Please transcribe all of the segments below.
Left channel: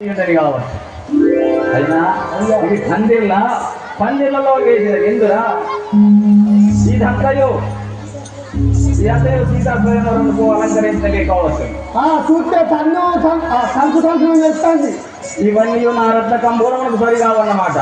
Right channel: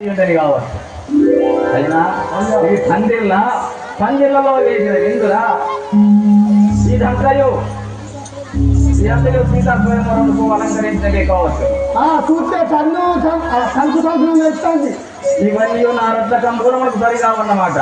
కావచ్చు. అయినా ఇది పందిళ్ళ పందిళ్ళలో వేసిన ఎందురా? ఇదంతయు ఇదంతయు సీతా స్వయంవరంకు అలంకరించకే కావచ్చు. ఆ చూస్తే ఆ సంకు సంకు వేస్తుంది. ఇవన్నీ నా రత్న కంబూరములకు సరిగా ఉన్నమాట.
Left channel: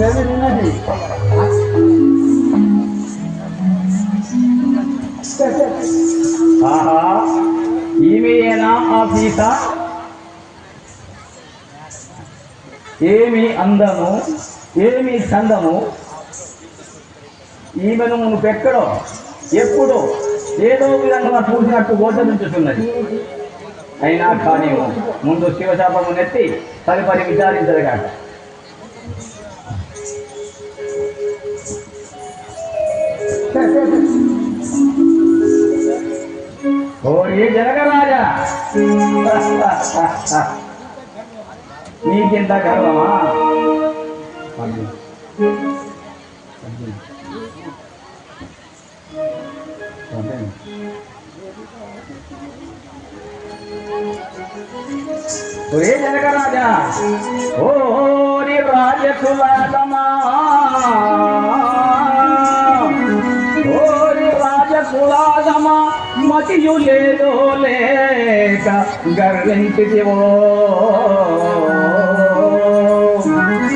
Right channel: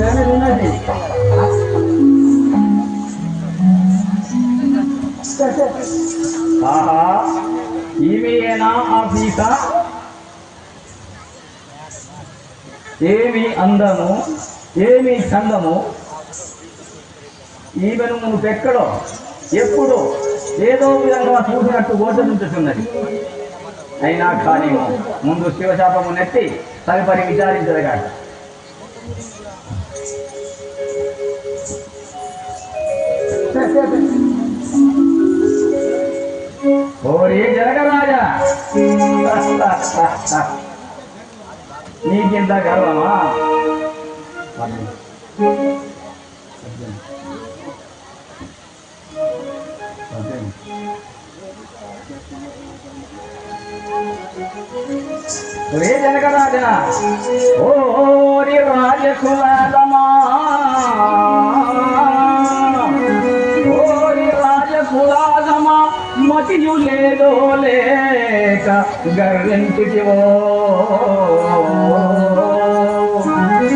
నేను విన్నది ఆ ఏమి అందము ఏమి చందము ఈమెను నువ్వెక్కడో ఎప్పుడో ఏదో విధంగా చూసినట్టు గోచరించుతున్నది అయినా కానీ ముందు శివశాపము నెత్తి తదుపరి విచారించదగాక. ఓరి జనగరాజా నీకింత గర్వమా ఒరే జనగరాజా ఓరి రాజకులాదమా ఓరి రాజకులాదమా మతియు లేదో లేక గర్వించితివో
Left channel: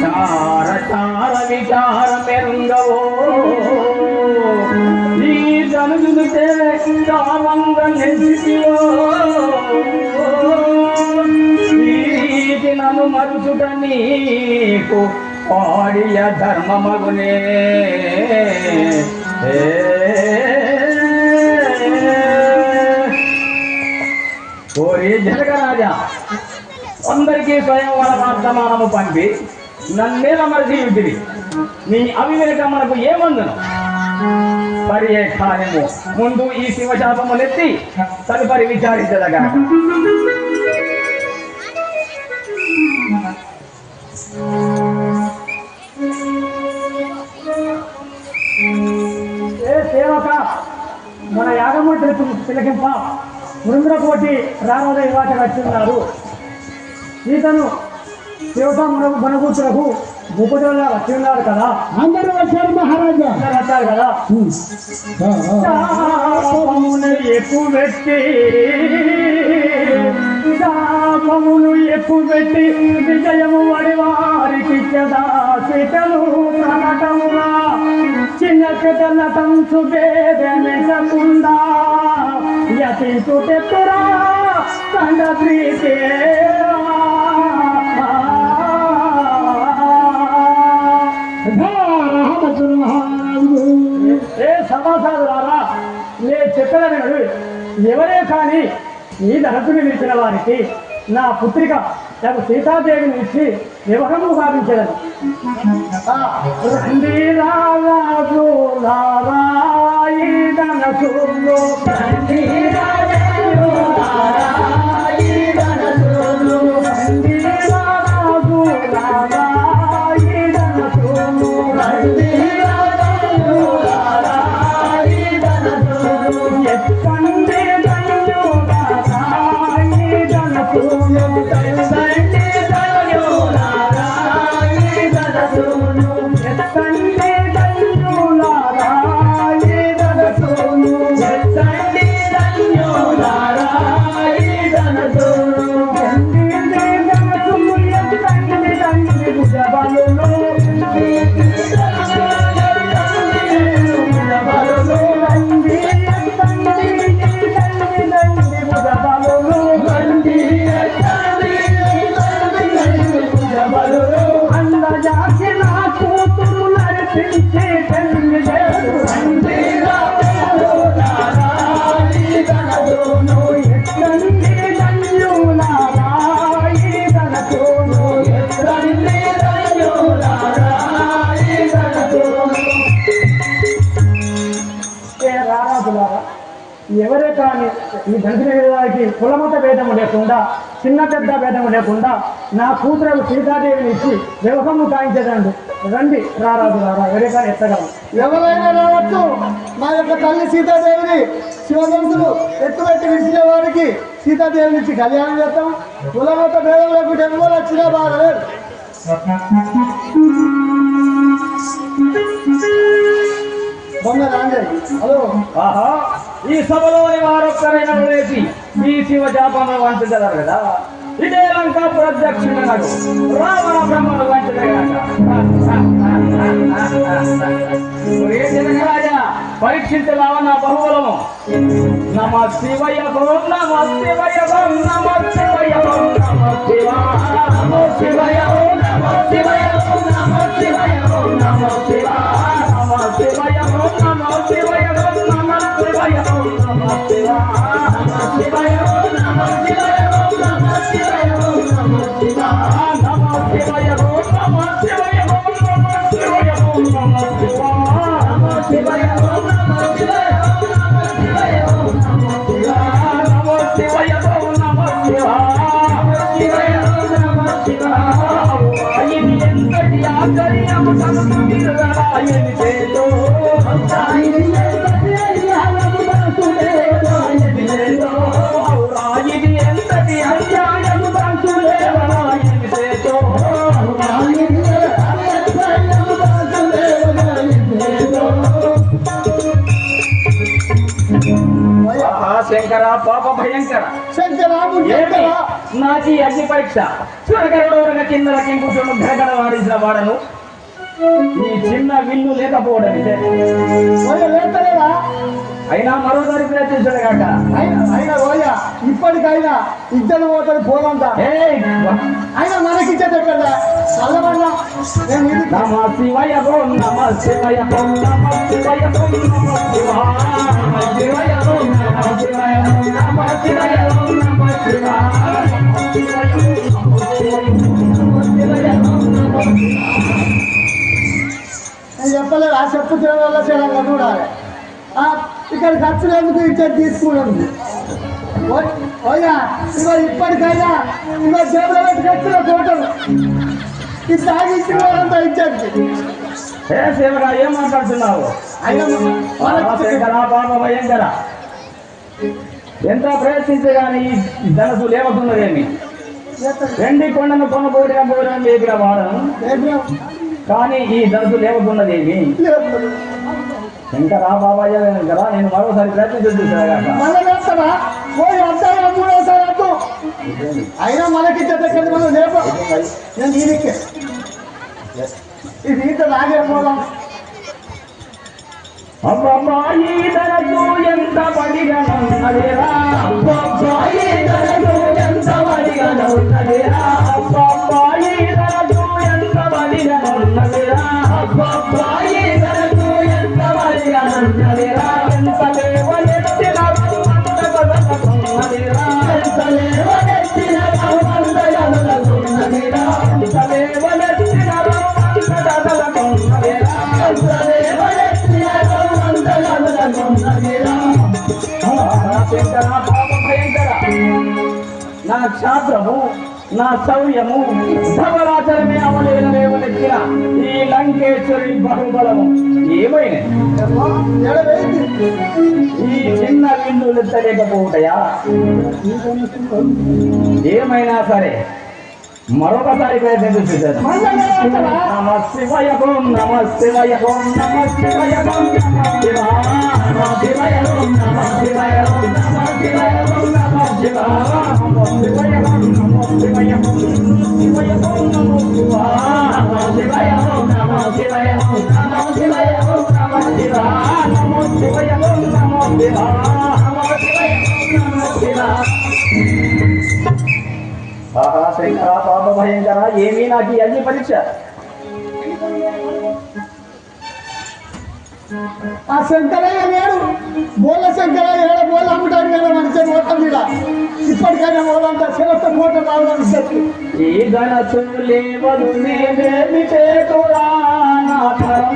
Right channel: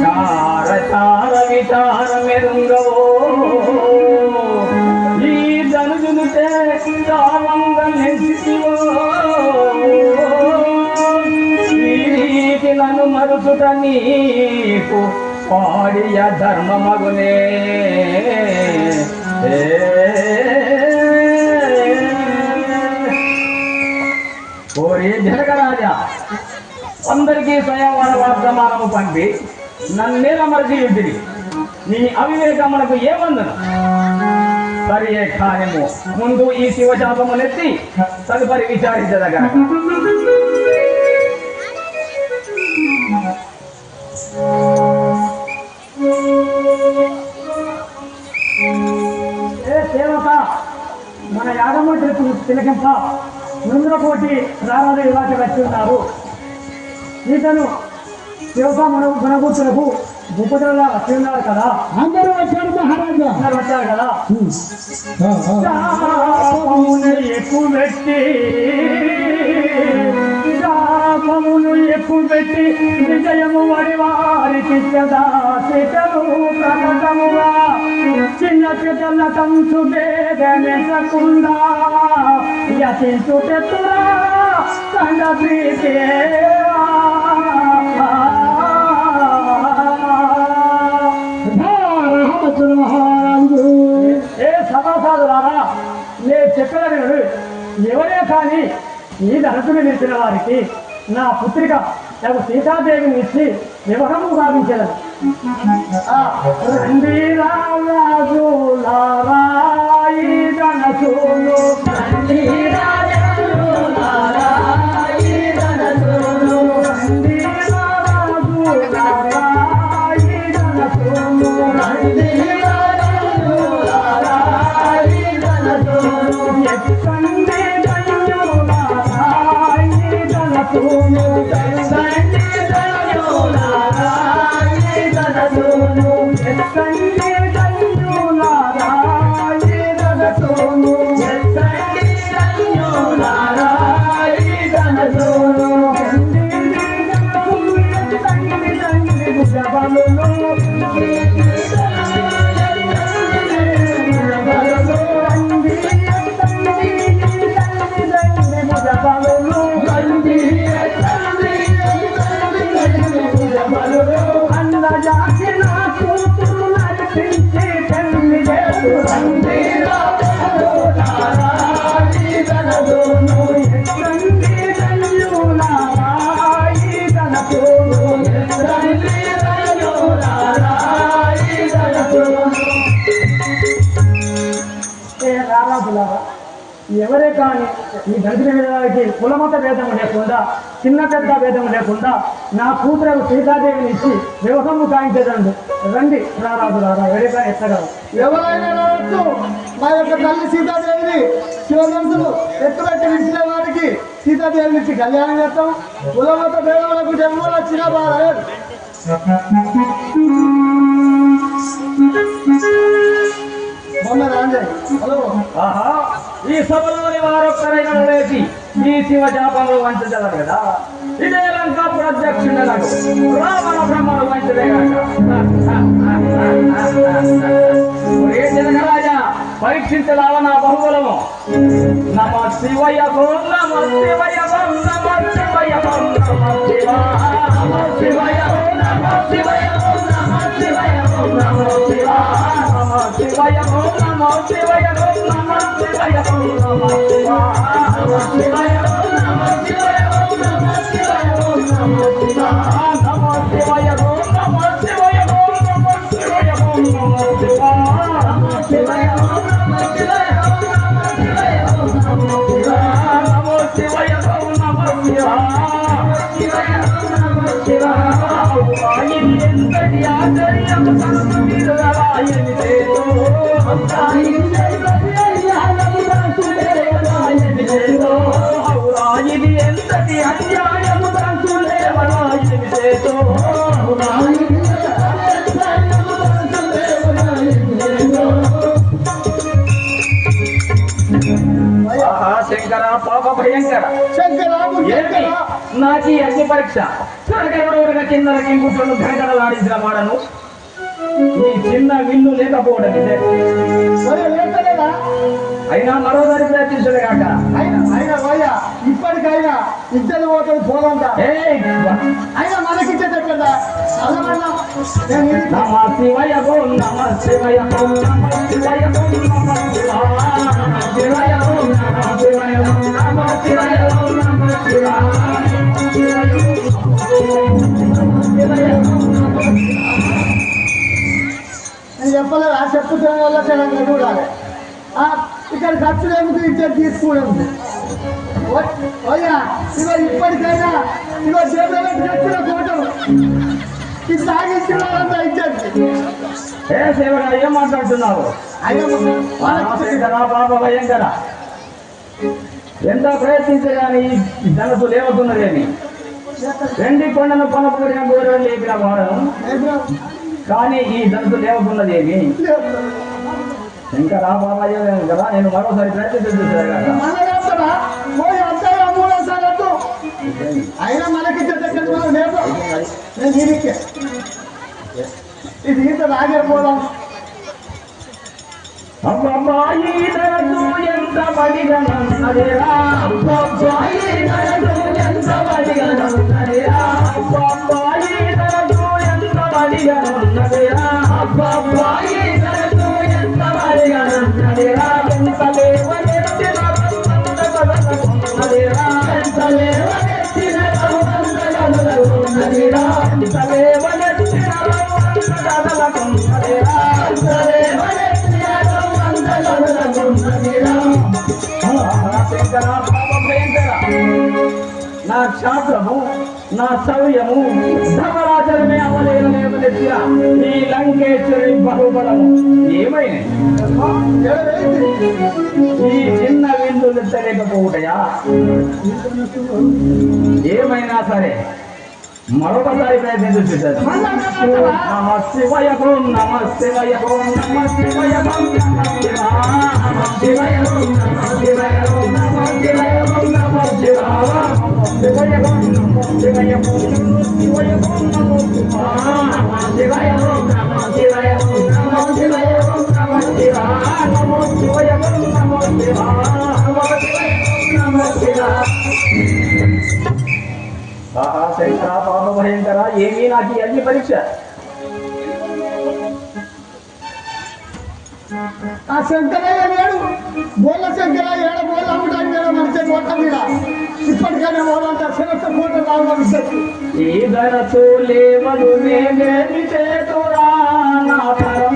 చార చార విచార మెరుంగవో ఈ ధనుజునితే కామంగ నెంచితివో ఈ నన్ను మరుచుట నీకు పాడియ ధర్మమగునే. ఓరే జనకరాజా అందరికీ స్వయంవర వర్తమానము పంపి నన్నేల మరచి ఇంటివి నీ అవివేకం మనకు ఏమందను? సరియే కార్యము ముందు ఈ శివశాపములెత్తి తదుపరి విచారించదగా ఏ సేవక మన యాగము తిలకింప. మృంద్రకోటి రారాజు ఇవాటి వచ్చి ఉన్నారు సీతను దేవత మన గుణగూర్చులకు భూపతులుగా వచ్చి ఉన్నారు కదా. అందరూ వచ్చారు మహారాజా. వచ్చారు కదా. ఎక్కువ పెట్టి శాపమును ఎక్కువ పెట్టి విజయము వడి వారికి సీతను ప్రకటముగా. చిన్న పిల్లల తంచు వేదనెసకుండా యతించు తెత్తురా కండ ప్రీతే రామచంద్ర మహారాజు ఏ సమాసాదులారా నేను చెప్పాను వినుడు. ఎవరే కానీ ఈ ధనసుని నిలిచిన వారికి నా పుత్రిక నాకు సీతాదేవిని ఇచ్చి వివరము గావించదని రండి రాజు నారాయి ఎవరే కానీ ఈ దళితుల వేదానికి కులమత భేదం లేకుండా చిన్న పెద్ద భేదం లేకుండా నా కూతురు సీతాదేవిని ఇచ్చి వ్యవహము కాయించేదండి. రండి రారాజులారా ఎవరే కానీ ఎత్తగలరు. ఎవరైనా రావచ్చు మా యొక్క తల్లి సీతాదేవిని శివధనుసులు ఎత్తుపెట్టి నిలిచిన వారికి సీతాదేవి నుంచి కళ్యాణం చేస్తాం. కులమత భేదములకు జన్మలో వచ్చినా బాగలేదు మొన్న రాంజయ్. హలో. ఆహా. ఈ సభలోని వారొక్కరైనా లేచి ఈ శివ జాపంలో వంచగలరు కదా. ఇదే లంక ప్రత్యక్షులకు రావణ బ్రహ్మను వంచదేగాక రాజా పరీక్షించలావ నా బహుబలము. నమ శివయ నమ శివయ నమ శివయ నమ శివ నమ శివయ నమ శివయ నమ శివయ నమ శివ నమ శివయ నమ శివయ ఎంతటి ఆశ్చర్యము భయంకర. ఏమి నాకు అగ్ని పరీక్ష. త్వరగా కిందకి కూర్చొని గడగడలాడించిన వాడను. ఈ చిన్న విల్లు లేకపోవడం ఇదే. అయినా మరోసారి ప్రయత్నించడు కాక అయినా అయినా ఓయ ఇప్పటికైనా ఇద్దరు పోదంతా ఏయ్, అయినా మనకిచ్చేది ఎక్కడ నమ శివయ ఓం నమ శివయ ఓం నమ శివయ ఓం నమ శివాయ ఓం నమ శివయ ఓం నమ శివయ ఓం నమ శివాయ చెప్పలేదు ఆ చెప్పుతున్న వల్ల చూడాలి ఆ, ఇక్కడ ఖర్చు ఎందుకు ఇచ్చేది తీసుకోవడం? ఓయ్యా ఇగో ఇప్పటికైనా ఇగో జేబులో పెట్టి కట్టిన కోటలు ఇది తాగించిన వాళ్ళంతా ఇచ్చేది ఏ శివగా ఏం మాట్లాడుతున్నావు? పాప భయంకర ఎంత ప్రయత్నించగాని ఈ ధనసు లేవుతున్నదేమి వెండి కొండను కొనబోడిన గోరం లేపిన వాడను కానీ ఈ ధనసు లేవుతున్నదేమి శంకర బాబాయ్య కదా నేను మరోసారి పోయి అంతా మూడోసారి అడ్డు అయినా మనకి చెట్టు మనం లేపు. నేను దీనికి. ఇది ఇంత నాగే పోదాం అబ్బాయి ధనసు ఎంత బడిగా నన్నదేరా అబ్బాయి ధనసు ఎంత నన్నదేరా క్షాత్రము నా సమయము ధవరాచరమే అమలేనలేవనెత్తిన ఈ లంకేశ్వరి బహుబలము. ఏమైనది ఈ చిన్న విందు ఎత్తలేకపోవుటయా ఏమైనా సరే మరొకసారి ప్రయత్నం చూశాను నమ శివయ నమ శివయ నమ నమ నమ నమ నమ శివయ ఏమీ నాకు అగ్ని పరీక్ష? ఆ శంకరయ్య లేడు. బోళ్ళ శంకరయ్య ఏడ బోళ్ళ అమ్మడానికి వేరే మనిషి ఓట మీద. ఇప్పటికైనా ఓడంతా శివత్వ కోట రావడం చెప్పి ఈ ధనసు లేవదు నేనేమి చేతురా? నా తరము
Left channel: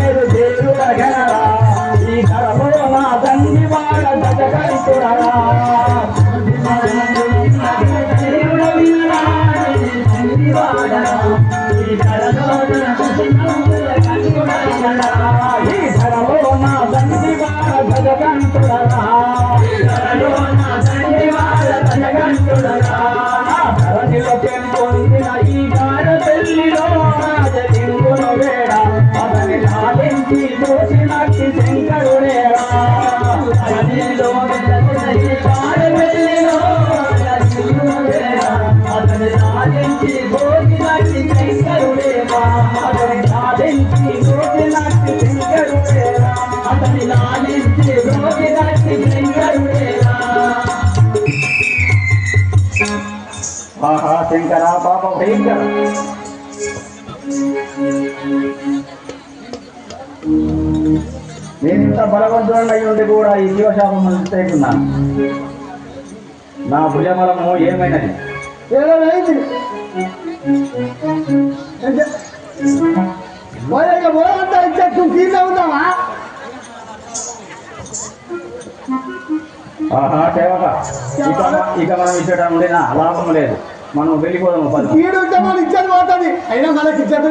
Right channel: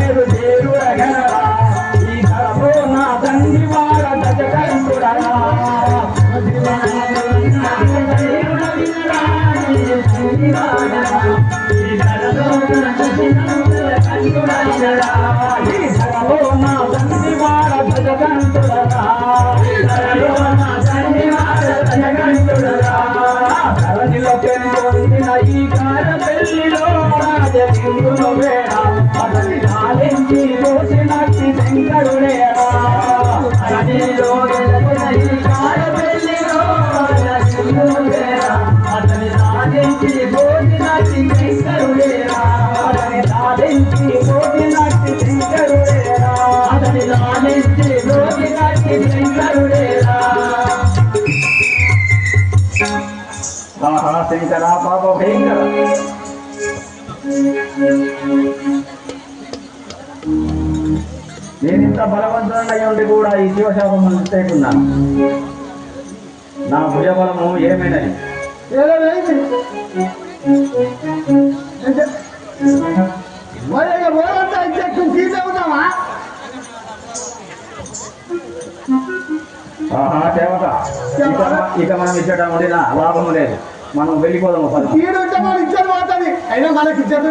forever. సాధారణంగా ఉండి కూడా ఈ జీవశాపం వ్యతిరేకున్నాను. నా భుజబలము ఏమైనది? ఇక మనం ఇచ్చట ఉండిన లాభం లేదు. మనం వెళ్ళిపోదాము వీడు ఉంటే మనం ఇచ్చేది పోతుంది. అయినా మనకి ఇచ్చేది